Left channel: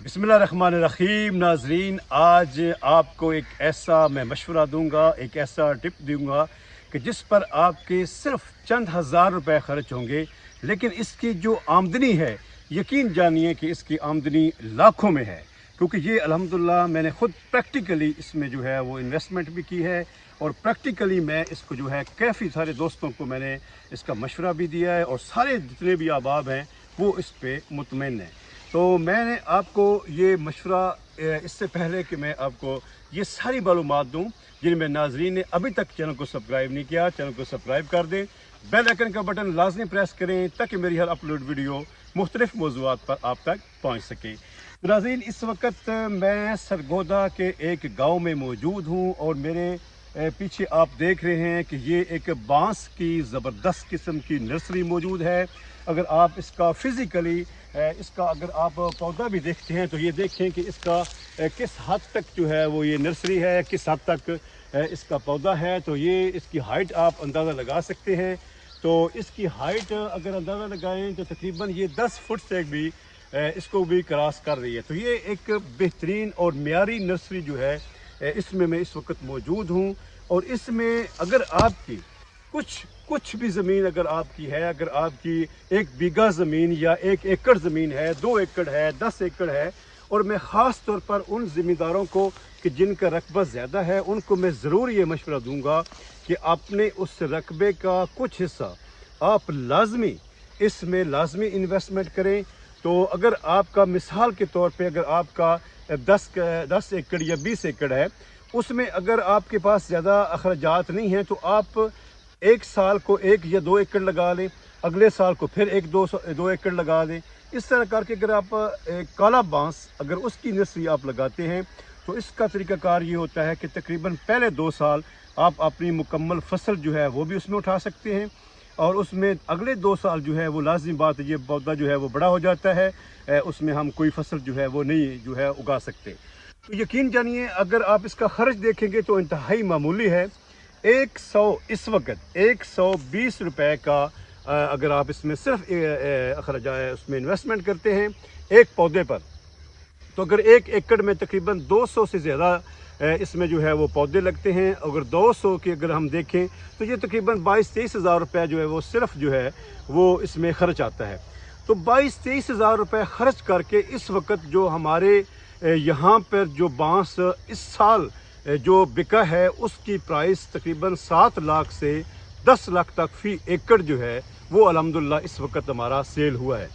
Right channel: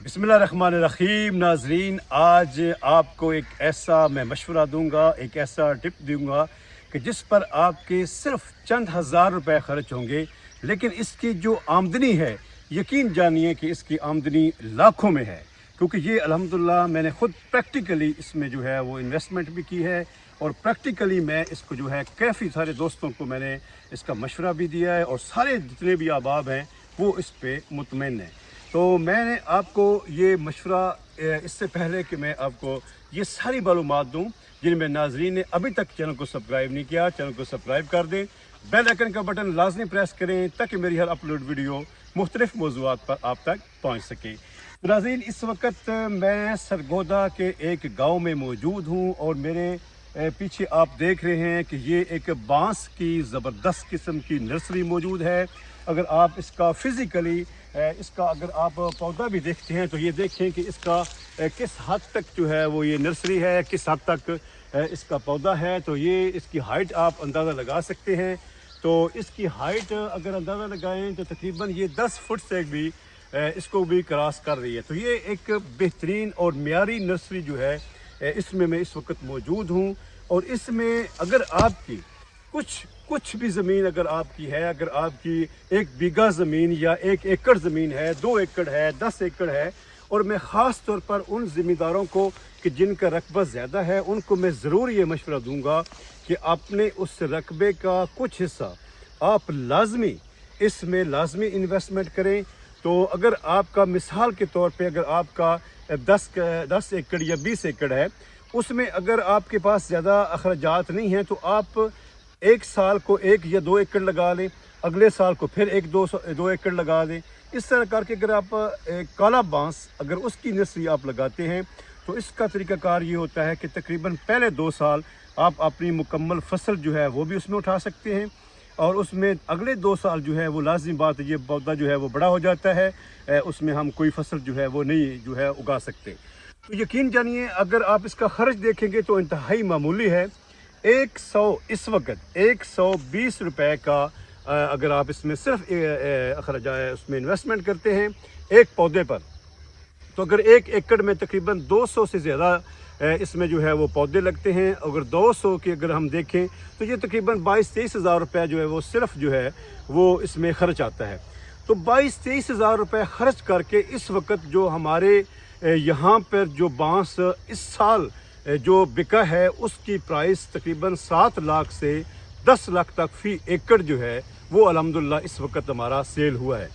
बिस्मिल्लाहिर्रहमानिर्रहीम। नाजरीन, आज आपको एक ऐसा मैं मशवरा दूंगा, एक ऐसा टिप दूंगा कि जिस पर आपके सिर्फ चंद हज़ार रुपए खर्च होंगे, लेकिन इसकी जो आमदनी है, यकीन जानिए कि इसकी आमदनी लाखों में है। क्योंकि ये अल्हम्दुलिल्लाह मैंने ख़ुद प्रैक्टिकली इसमें जो है वो इन्वेस्टमेंट भी की है, और प्रैक्टिकली मैं इसको जो है काफ़ी सारे दोस्तों को मैंने इसका मशवरा भी दिया है, और सारे जितने भी अहबाब हैं वो इस पर मुतमईन हैं। तो मैंने आपको ये मशवरा इससे पहले कि मैं आपको ये सारी मालूमात दूँ, जिनमें नाजरीन ने अभी तक चैनल को सब्सक्राइब नहीं किया, चैनल को सब्सक्राइब कर दें, बेल आइकन का बटन लाजमी प्रेस करें ताकि मेरी हर अपलोड वीडियो मुख्तलिफ मौज़ूआत पर आप तक पहुँच सके। नाज़रीन, इस वक्त मैं सरगोदा के एक गाँव में मौजूद हूँ, और मेरे पीछे आप देख रहे हैं कि ये एक बांस की ज़बरदस्त किस्म की नर्सरी मौजूद है। अगर आप इसका फिज़िकली इसका अगर आप पौधा भी देखते हैं तो ये देखें कि इसका किस हद तक जो है वो ये नर्सरी है, किस हद तक इसका पौधा है। तो ये इसकी हाइट आप अंदाज़ा लगा सकते हैं। तो इसकी हाइट अगर अंदाज़ा लगाएं तो तकरीबन ये 10 फुट से भी इसको भी क्रॉस कर रही है। तो ये एक बेहतरीन और मियारी नर्सरी जो है इसमें मैं इस वक्त मौजूद हूँ। और इसमें अगर आपकी कुछ भी ज़मीन अगर आपकी है, अगर आपकी 1 बीघा ज़मीन या 1 एकड़ ज़मीन है, 2 एकड़ है, 10 एकड़ है, और मैं ख़ास तौर पर उन ज़मींदारों को कि जिनका रकबा ज़्यादा है, उनको मैं ज़रूर ये मशवरा दूंगा कि अपने उस रकबे का कुछ हिस्सा आप लाजमी इसमें लाजमी इन्वेस्टमेंट करें। तो अगर आपका मिसाल के तौर पे अगर आपका 10 एकड़ या 20 एकड़ है, उसमें अगर आपके पास ज़्यादा अखराजात नहीं हैं, तो आप एक साल को 1 या 2 एकड़ लगा लें, अगले साल को फिर 1-2 एकड़ लगा दें। इस तरह करके अगर आप काला बांस अगर उसकी नर्सरी आप लगाते हैं तो इसका तरीकाकार ये होता है कि तकरीबन पहले 2 साल आप अपनी मुकम्मल फसल जो है वो भी उसमें उठा सकते हैं, और उसमें अगले 2 साल जो है वो लाजमी बात है, ये पौधा जो है वो बड़ा हो जाता है, उसमें हम कोई फसल जो है वो नहीं जो है उगा सकते। तो यकीन जानिए अगर आप इसका खर्च देखेंगे तो इंतहाई मामूली है। 100 इस वक्त 120 रुपए का अगर आप इसमें सिर्फ अखराजा उसमें इन्वेस्टमेंट करते हैं एक पौधे पर, तो अगर 1 एकड़ में तकरीबन 200 से ज़्यादा इसमें जो है वो पौधे लगते हैं। अगर 200 के अगर हम देखें तो ये तकरीबन 22-23 हज़ार रुपये जो है वो सिर्फ जो है वो इसमें खर्च आता है। तो 22-23 हज़ार रुपये खर्च करके इस वक्त जो हमारे यहाँ पर जो बांस इस साल जो बिका है उसकी प्राइस तकरीबन 7 लाख से 10 लाख तक फी एकड़ जो है वो अल्हम्दुलिल्लाह इस वक्त हमारा सेल हुआ है।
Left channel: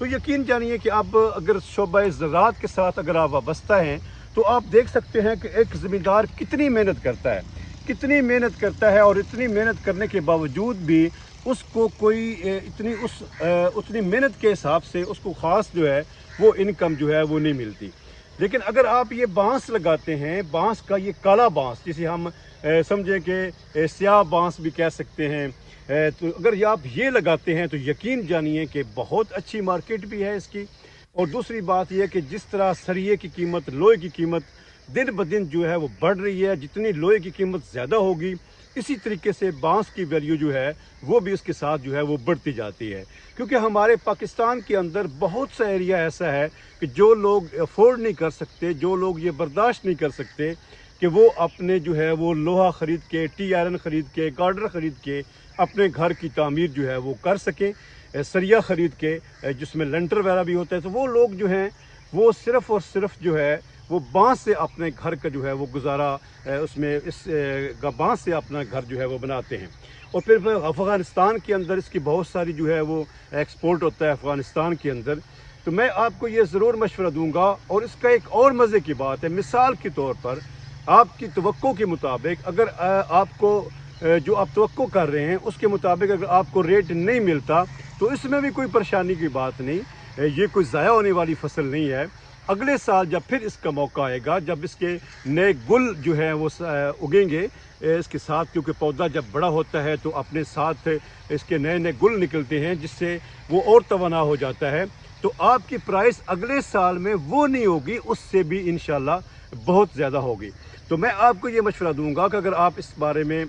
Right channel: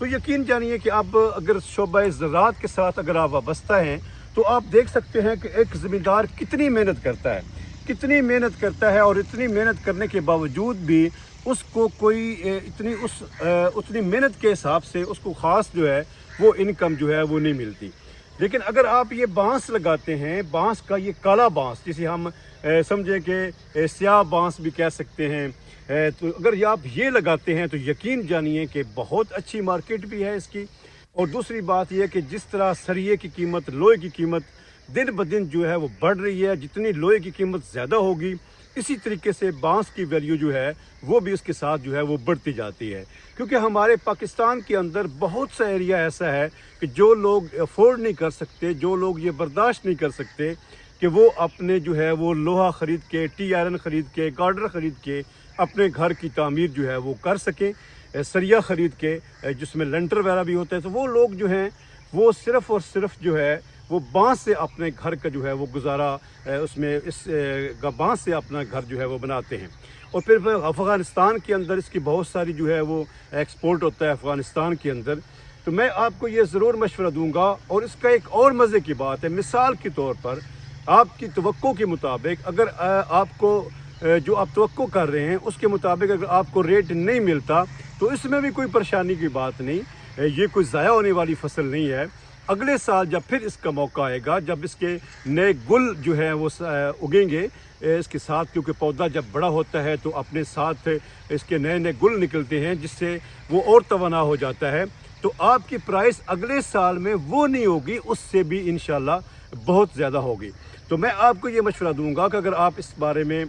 तो यकीन जानिए कि आप अगर शोबा ज़राअत के साथ अगर आप वाबस्ता हैं तो आप देख सकते हैं कि एक ज़मींदार कितनी मेहनत करता है, कितनी मेहनत करता है, और इतनी मेहनत करने के बावजूद भी उसको कोई उतनी मेहनत के हिसाब से उसको ख़ास जो है वो इनकम जो है वो नहीं मिलती। लेकिन अगर आप ये बांस लगाते हैं, बांस का ये काला बांस जिसे हम समझे कि स्याह बांस भी कह सकते हैं, तो अगर ये आप ये लगाते हैं तो यकीन जानिए कि बहुत अच्छी मार्केट भी है इसकी। और दूसरी बात यह कि जिस तरह सरिये की कीमत, लोहे की कीमत दिन ब दिन जो है वो बढ़ रही है, जितनी लोहे की कीमत ज़्यादा होगी इसी तरीके से बांस की वैल्यू जो है वो भी उसके साथ जो है वो बढ़ती जाती है। क्योंकि हमारे पाकिस्तान के अंदर बहुत सा एरिया ऐसा है कि जो लोग अफोर्ड नहीं कर सकते, जो लोग ये बर्दाश्त नहीं कर सकते कि वो अपने जो है वो लोहा ख़रीद के, टी आयरन ख़रीद के, गार्डर ख़रीद के अपने घर की तामीर जो है वो कर सकें, सरिया ख़रीद के जिसमें लेंटर वगैरह भी होता है। तो वो लोग जो हैं वो सिर्फ़ और सिर्फ जो है वो बांस से अपने घर का जो है वो गुजारा उसमें इस बांस से अपना घर जो है वो बनाते हैं। और फिर अफ़गानिस्तान के अंदर इसकी बहुत सारी जो है वो एक्सपोर्ट होता है अफ़गानिस्तान के अंदर। तो मैं आपको ये ज़रूर मशवरा दूंगा। और इसका एक और मज़े की बात है, मिसाल के तौर पर आपकी तवक्को के मुताबिक अगर आपको जो आप तवक्को कर रहे हैं उसके मुताबिक अगर आपको रेट नहीं मिलता तो इसमें भी कोई परेशानी की बात नहीं, ये कोई ज़ाया होने वाली फसल नहीं है। अगले साल जब फिर इसका मौका आएगा, जब इसके नए गुल जो है वो उगेंगे इसके साथ, क्योंकि पौधा जब बड़ा होता है तो अपने साथ इसके नए नए गुल निकलते हैं जिससे वो और तवाना हो जाता है। तो आपकी प्राइस अगले साल में वो नहीं होगी, उससे भी इंशाल्लाह बहुत ज़्यादा होगी। तो मैं आपको ये मशवरा दूंगा कि अगर आप इस बारे में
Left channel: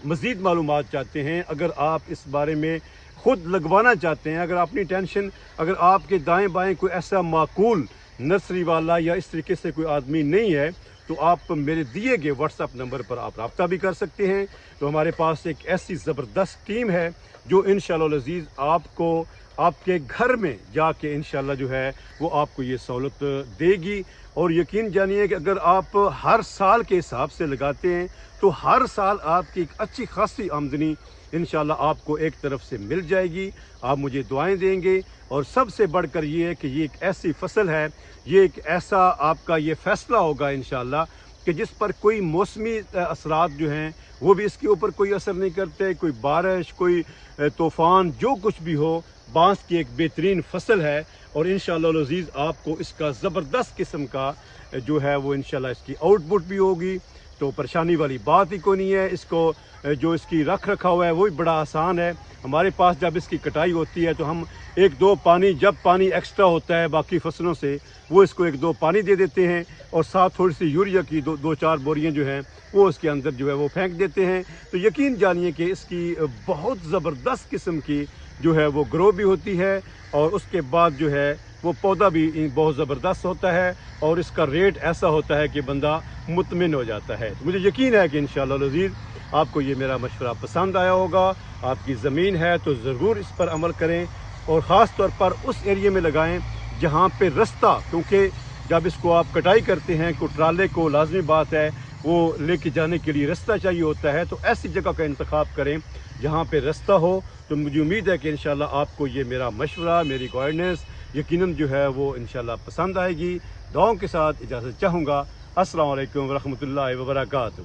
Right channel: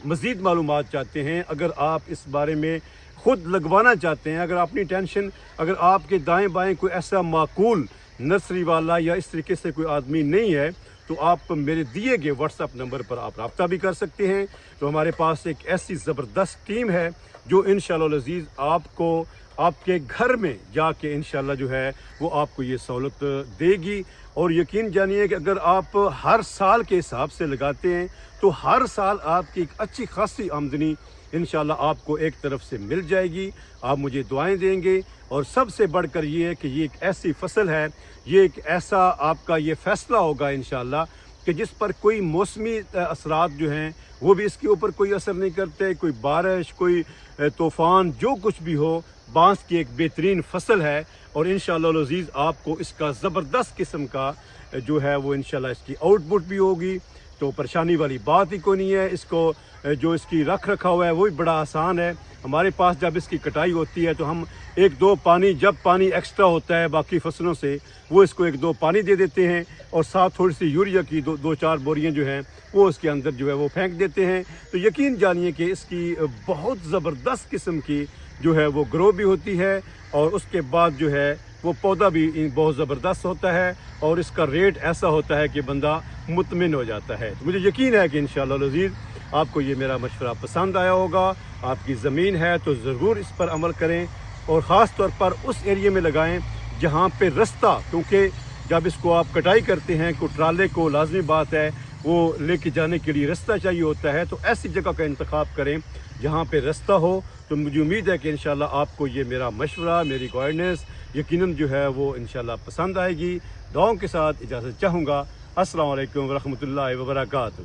मज़ीद मालूमात चाहते हैं, अगर आप इस बारे में ख़ुद लगवाना चाहते हैं, अगर अपनी टेंशन, अगर आपके दाएं बाएं कोई ऐसा माकूल नर्सरी वाला या इस तरीके से कोई आदमी नहीं है, तो आप मेरे दिए गए व्हाट्सएप नंबर पर आप रब्ता भी कर सकते हैं। तो हमारे पास एक ऐसी ज़बरदस्त टीम है जो इंशाअल्लाह अज़ीज़ आपको आपके घर में जाके इंशाअल्लाह जो है वो आपको ये सहूलत देगी। और यकीन जानिए कि अगर आप हर साल के हिसाब से लगाते हैं तो हर साल आपकी एक अच्छी खासी आमदनी इंशाअल्लाह आपको एक तरफ से मिल जाएगी। आप मुझे दुआएं देंगे, और सबसे बढ़कर ये है कि ये एक ऐसी फसल है, ये एक ऐसा आपका ये फैसला होगा इंशाअल्लाह कि जिस पर कोई मौसमी असरात जो हैं वो भी इसके ऊपर कोई असर नहीं करते। कोई बारिश, कोई तूफ़ान, जो कुछ भी हो, बांस की एक बेहतरीन फसल है। और इंशाअल्लाह अज़ीज़ आपको इसका ज़बरदस्त किस्म का जो है वो इंशाअल्लाह इसकी आउटपुट भी होगी, तो परेशानी वाली बात ही कोई नहीं है। इसको जो इसकी रख रखाव है वो भी बड़ा आसान है। हमारे पास जब इसकी कटाई होती है तो हम एक दो पानी, जब पानी एक्स्ट्रा होता है बाकी फसलों से, वो इसको एक दो पानी दे देते हैं, और साथ थोड़ी सी यूरिया की दो चार बोरियां जो हैं वो उसके अंदर जो है वो फेंक देते हैं। तो यकीन जानिए कि इसकी बहुत ज़बरदस्त किस्म की जो है वो ग्रो भी होती है, और उसके बाद जो है वो पौधा भी बहुत ज़बरदस्त होता है, और इसका रेट ऐसा होता है कि बंदा मुतमिन हो जाता है। तो मुझे यकीन है कि इंशाअल्लाह अज़ीज़ आपको ये मेरा मशवरा पसंद आया होगा। आपकी ज़मीन है तो ज़रूर इस पर अमल करें, और ख़ास तौर पर उस एरिया में लगाएं जहाँ पे रास्ता, क्योंकि जब इसको आप कटाई करते हैं को ट्राले को लाजमी बात है वो लेके जाने के लिए रास्ता चाहिए होता है। तो ऐसी जगह का इंतखाब करें जहाँ पे रास्ता हो। तो मुझे उम्मीद है कि इंशाअल्लाह आपको ये मेरा मशवरा, मेरी गाइडेंस यकीनन जो है वो इंशाअल्लाह पसंद आएगी। दुआओं के साथ इजाज़त चाहूँगा। अस्सलाम वालेकुम व रहमतुल्लाहि व बरकातहू।